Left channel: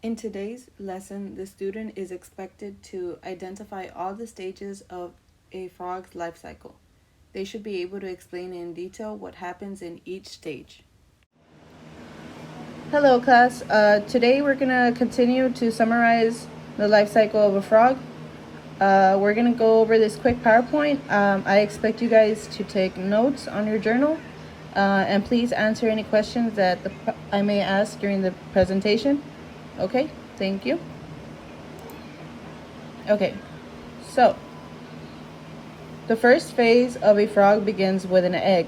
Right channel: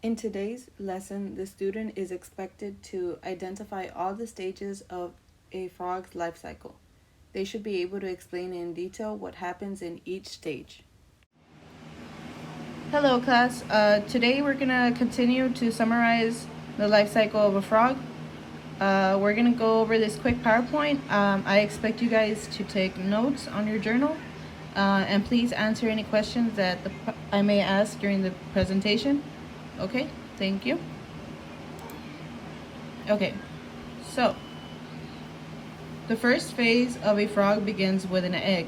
In today's lesson, the student is expected to identify all the stages of a frog's life cycle. They should be able to explain in detail what happens in each stage. Hello, class. Today we're going to continue to summarize the life cycle of a frog. We're going to go over this quick PowerPoint. I expect you guys to take notes on your journal and please answer any questions that I may ask during the presentation. Okay, thank you. Okay, so the first phase of a frog begins with an egg.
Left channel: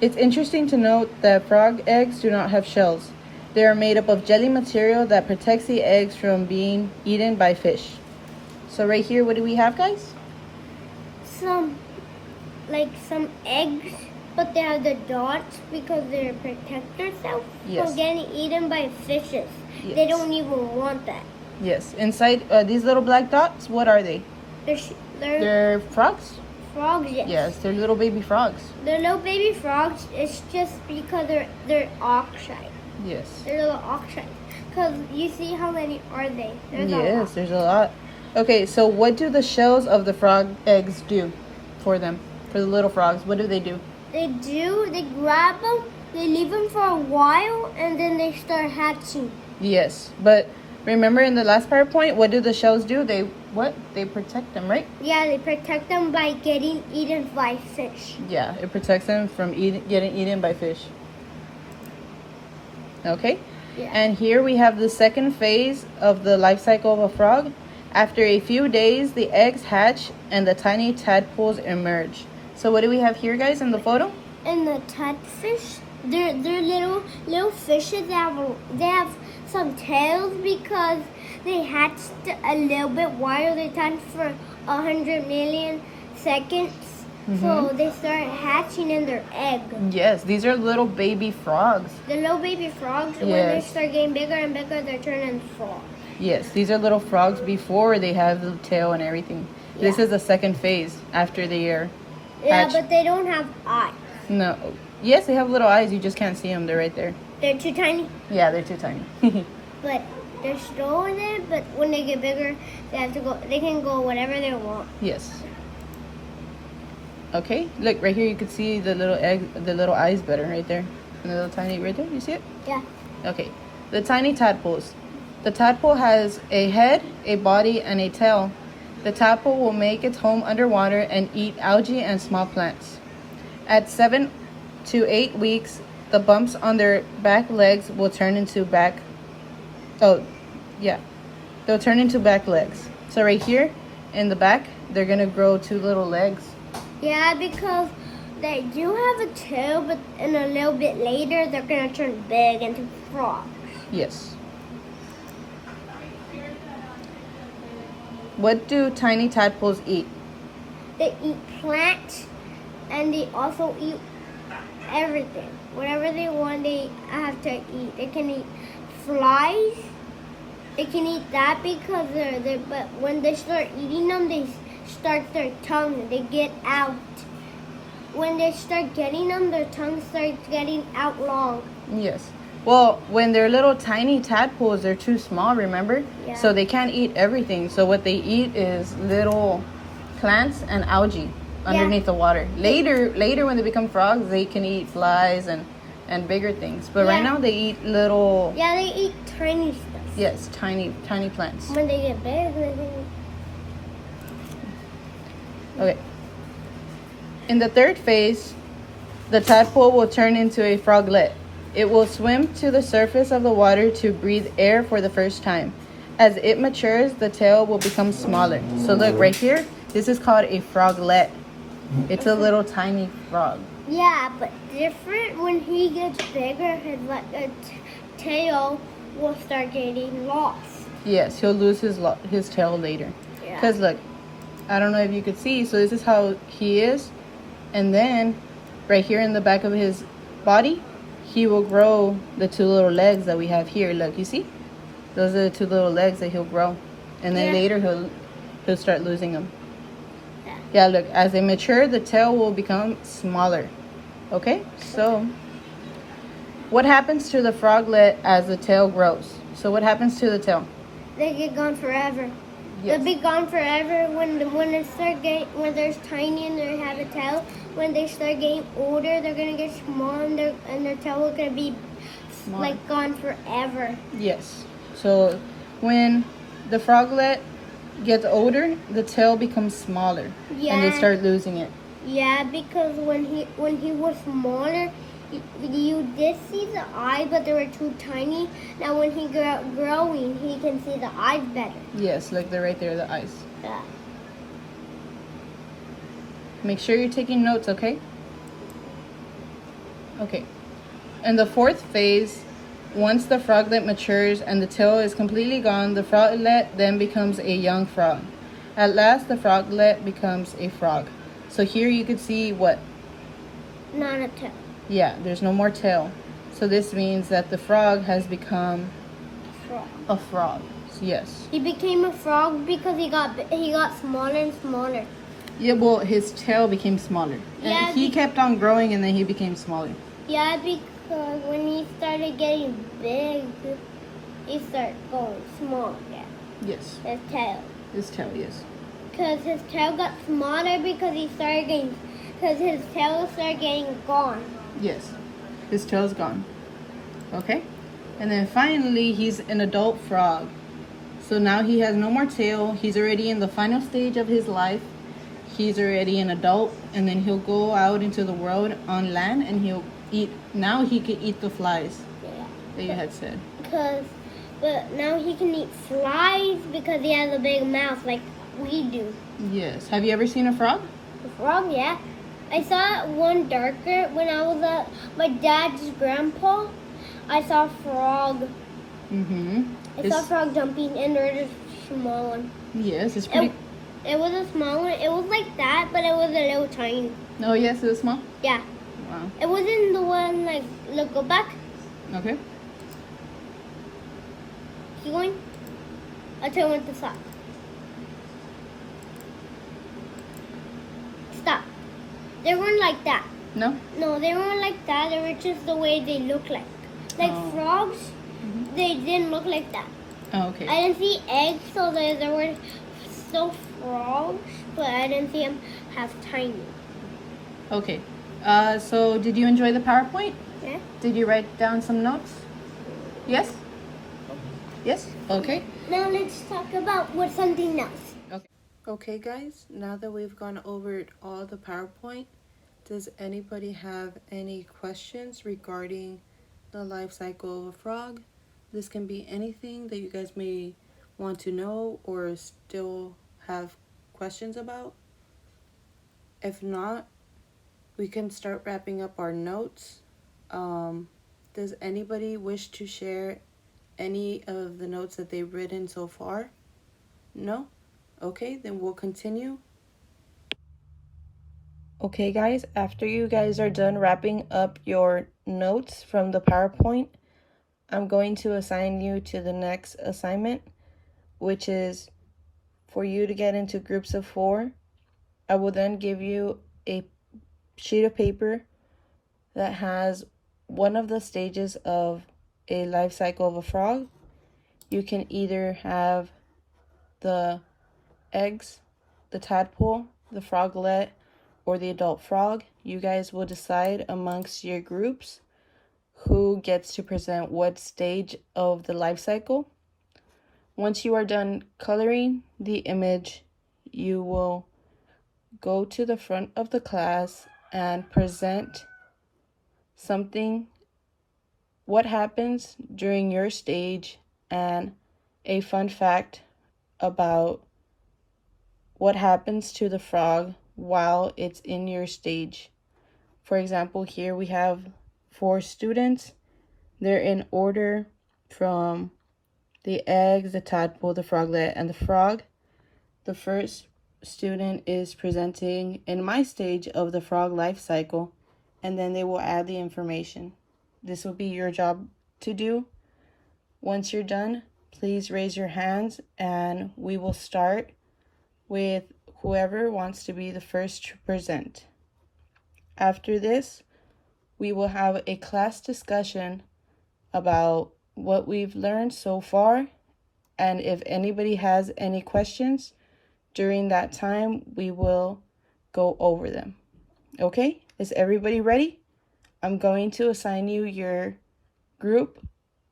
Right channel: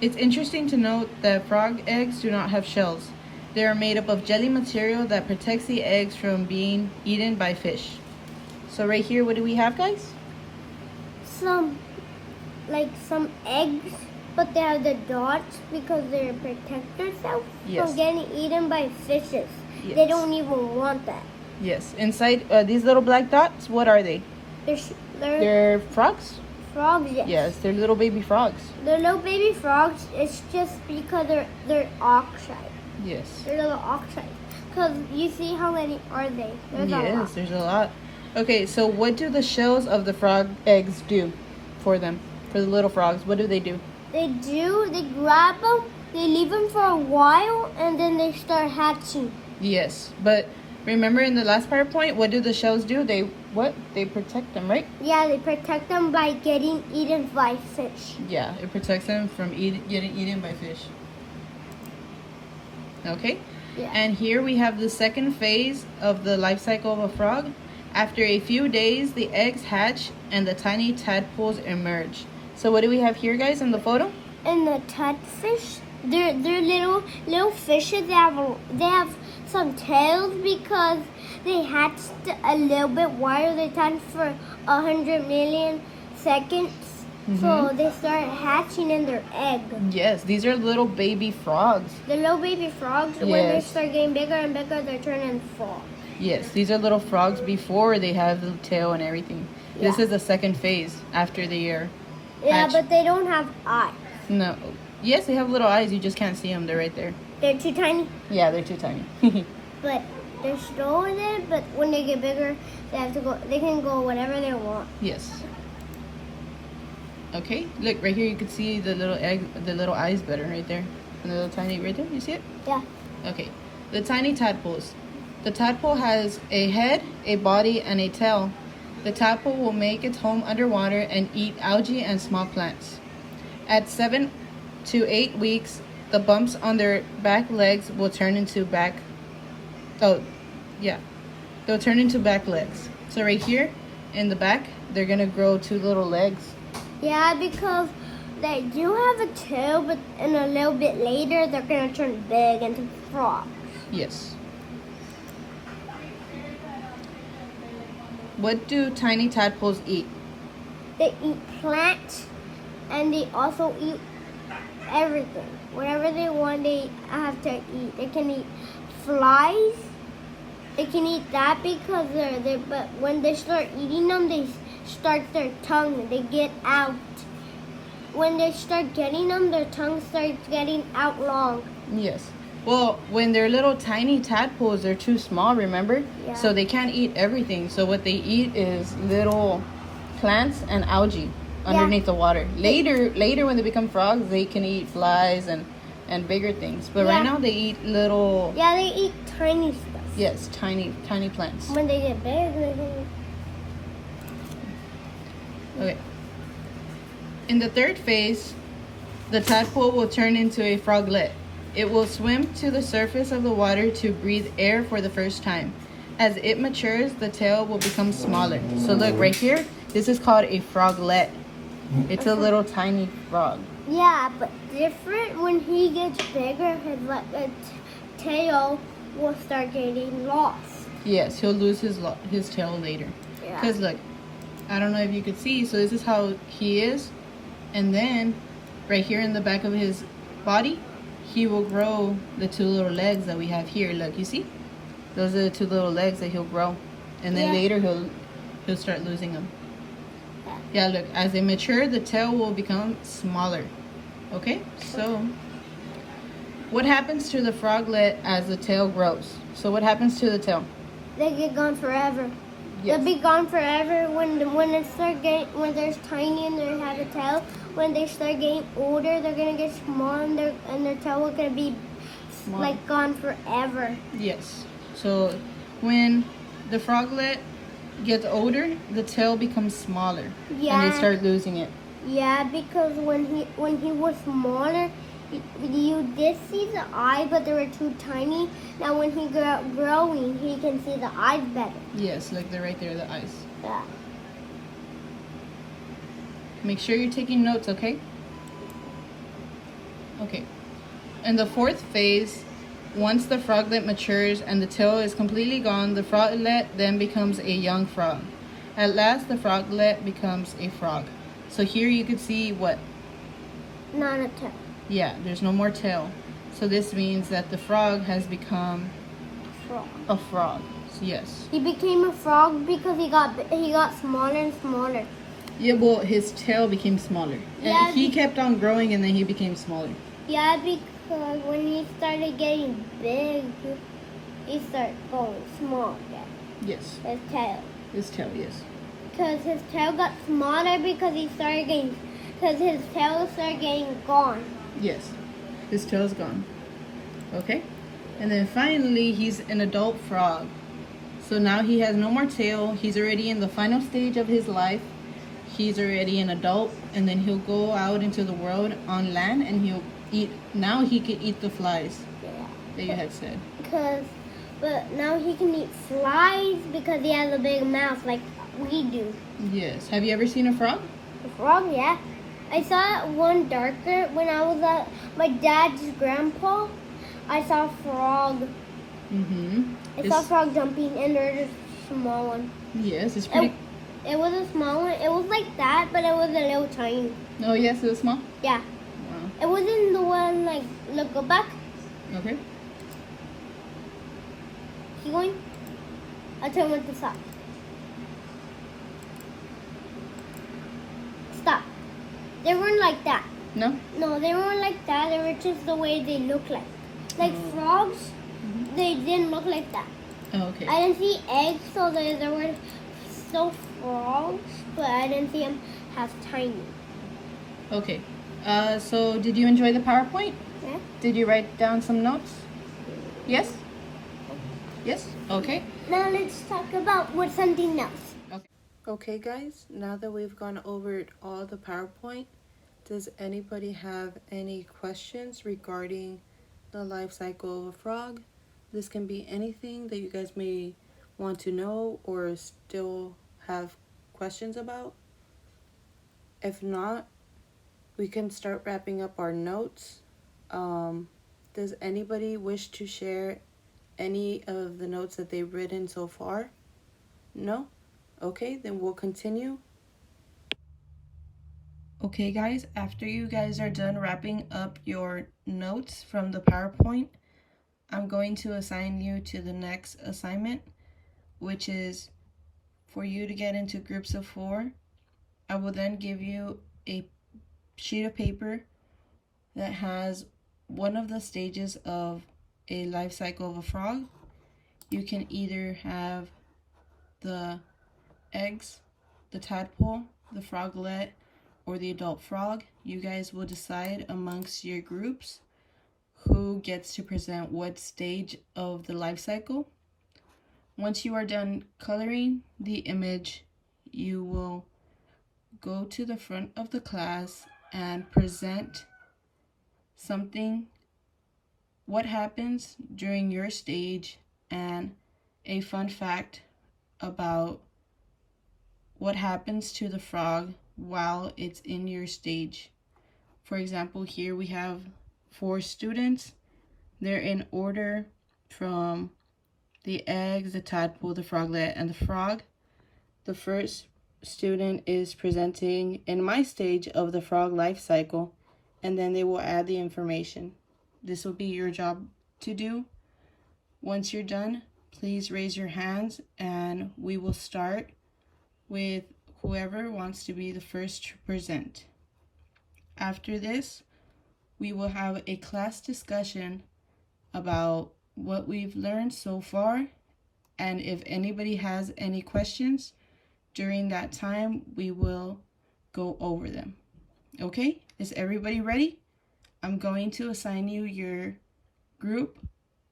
It's interesting to note that frog eggs do not have shells. They are made up of jelly material that protects the eggs from being eaten by fish. So right here, what do we have, guys? Some eggs, but they have the dots because they protect themselves from getting eaten by fishes. Yes. They don't even want that. Yes. Inside these little black dots, what are they? They're frogs? Frogs, yes. Yes, they're little baby frogs. They're little baby frogs. It's just because they're oxide. Yes. They're little oxide. Because you see how many are they? There's a lot. Okay, so what do the shells of the frog eggs do for them? For the little frogs, what do? They grab them, they leave them for a while, and then they start hatching. Yes, but remember in the last PowerPoint, what do the shells do? They protect them, right? Yeah, they protect them by getting eaten by fish. Yeah, it protects them from getting eaten by fish. Okay? Yeah. And here we have the second phase of the life cycle of a frog. After a few days, the eggs hatch and the tiny tadpoles emerge. So what do we have here, guys, in the photo? And the tadfish, they're little fishes. They have some tails because they hatched a little bit while they hatched for 100 million seconds. Mm-hmm. So they start hatching in their egg. Yes, these are little baby frogs. The little baby frogs, yes. When they start getting bigger and bigger, they turn into frogs. Yes, these are little frogs before they have the tail and everything. Yeah. This is the second phase after they are hatched. But they don't have eyes. No. Yes, they have little eyes. You just can't see them. They're right there. They're too tiny? Yeah, they're too tiny. But they're still in it, but when they get bigger, they can go whatever they want. Yes. Okay, look, right here you can see the little egg, the little eyes better right there. And the little tiny, right there, you see it? Yeah. Okay, the tiny tadpoles. The tadpole has a head, a body, and a tail. The tadpole will make its home underwater and eat algae and small plants. At 7 to 8 weeks, the bumps on their back legs will turn into they'll turn into back legs. So right here in the back, they're gonna grow 2 little legs. Yeah, because they do have a tail, but in a little bit later, they're gonna turn big into frogs. Yes. What do tiny tadpoles eat? They eat plants, and they also eat everything. Whatever they want, they have to eat. They can eat flies. They can eat that because but when they start eating them, they start their tongue. They get out. When they start getting them, their tongue starts getting out long. Yes. Well, when they're little tiny tadpoles, they're too small, remember? Yeah. So they can't eat everything. So what they eat is little plants and algae underneath the water. Later when they become frogs, they can eat flies and bigger things. But right now they eat little... Yeah, they eat tiny stuff. Yes, tiny plants. When they get big, they can... Okay. In the third phase, the tadpole will turn into a froglet. It will swim to the surface of the water to breathe air for the first time. As it matures, the tail will become smaller. So look, right here, this is called a froglet. It's a little tiny frog. Yeah, but different when he gets bigger, his tail will start getting lost. Yes, he'll lose his tail later. Because look, I don't know if you could see, so this is how he is. And then, right here in the back of his body, he will grow the 2 little legs that we have here. Look, you see? Those are the 2 little legs that he'll grow. And then later he'll start losing them. Yeah, look, as they mature, the tail will become smaller. Okay? So, What happens to the froglet as the tail grows? So what happens to the tail? They get gone forever. Yes. They'll be gone forever when they start getting, when they're tiny and they have a tail. When they start getting older, they're gonna get small and their tail will gonna be Small. like gone forever. Yes. So when the froglet gets older, the tail becomes smaller, and they start losing it. Yeah, because when he was smaller, you did see the eye, but they were too tiny. Now when he growing, he can see the eyes better. Yes, look, they're right there, the eyes. Yeah. Make sure you're taking notes, okay? Okay. In the fourth phase, once the froglet matures and the tail is completely gone, the froglet then becomes a young frog. At last, the froglet becomes a frog. So here you can see what? Not a tail. Yeah, there's no more tail. So this means that the frog has become a frog. So yes. He became a frog because he got smaller and smaller. Yeah, well, his tail became smaller. And he kept on growing and then he became smaller. Yeah, because when he started getting big, he started going small again. Yes. His tail. His tail, yes. Because his tail got smaller because his tail started getting gone. Yes. His tail's gone. Okay? And then finally, he's an adult frog. So now he has no more tail. He's already in the final stage of his life. He's already an adult. And then he'll go out into the world on land and he'll eat. Now he can eat the flies that you had said. But now he can eat flies because he has a big mouth like we do. Yes. Have you ever seen a frog? A frog, yeah. I saw one darker when I was at my dad's grandpa. I saw a frog. I saw a frog jumping, and there was a small one. Yes, it's pretty. It was a small one. It was like that, but it was a little tiny. Oh, yes, it was small? Yeah. Wow. It wasn't the one like, look, go back. Okay. Keep going. I'll tell you when to stop. Stop. They weren't like that. No? No, they weren't like that. They were just the way they look like. Like frogs, they didn't look like that. Oh, okay. I didn't see eggs, so they were still frogs, but I didn't see them half tiny. Okay. So did you enjoy the PowerPoint? Yeah. Did you write down some notes? Yes? Yes? Okay. Now let's talk about something else. Okay, guys, now that we've gone over all the PowerPoint, does anybody have any questions regarding the life cycle of a frog? This can be anything that you guys may want to know or still have questions about. If not, we can start wrapping up our notes. Does anybody wish to share any of the notes that they've written so far? No? Okay, then we'll continue. Okay, guys, after you guys are done wrapping up your notes from the PowerPoint, I'm going to assign you to the next assignment, which is for you to get into groups of 4. I will then give you a sheet of paper that has one of the stages of a life cycle of a frog. You can either have the eggs, the tadpole, the froglet, or the adult frog. You guys will decide amongst your groups who gets to present what stage of the life cycle. Once you are done coloring the image, you will go to the front of the class and present something, what happens during your stage, and a fun fact about what happens to the frog while it's in your stage. For example, here we have 4 students. They're in order from the eggs, the tadpole, the froglet, and the frog. The first student is presenting in my stage of the frog life cycle, and then they will add the information. This will be your job to do. Once you're done, please raise your hands and we will start with whoever wants to be the first to present. After this, we will have a class discussion about what we've learned so far, and if anybody has any questions during that time, we will go over them. Okay, is everybody ready? I'm going to assign you your group,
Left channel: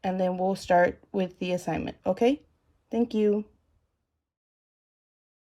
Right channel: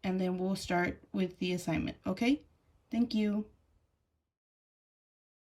and then we'll start with the assignment. Okay, thank you.